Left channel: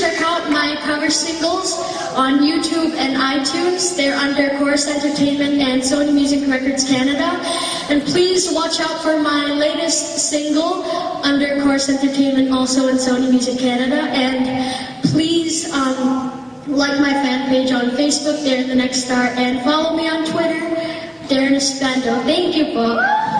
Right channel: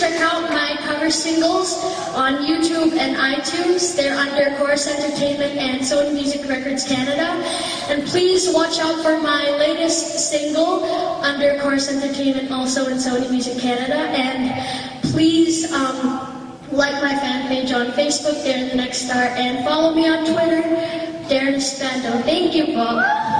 check out my cover singles on YouTube and iTunes. They're under Chorus Entertainment and Sony Music Records Canada. And please watch out for my latest single under Chorus Entertainment, also in Sony Music Canada. And please like my fan page on Facebook, Darren the Next Star, and follow me on Twitter, Darren Espando. Thank you po.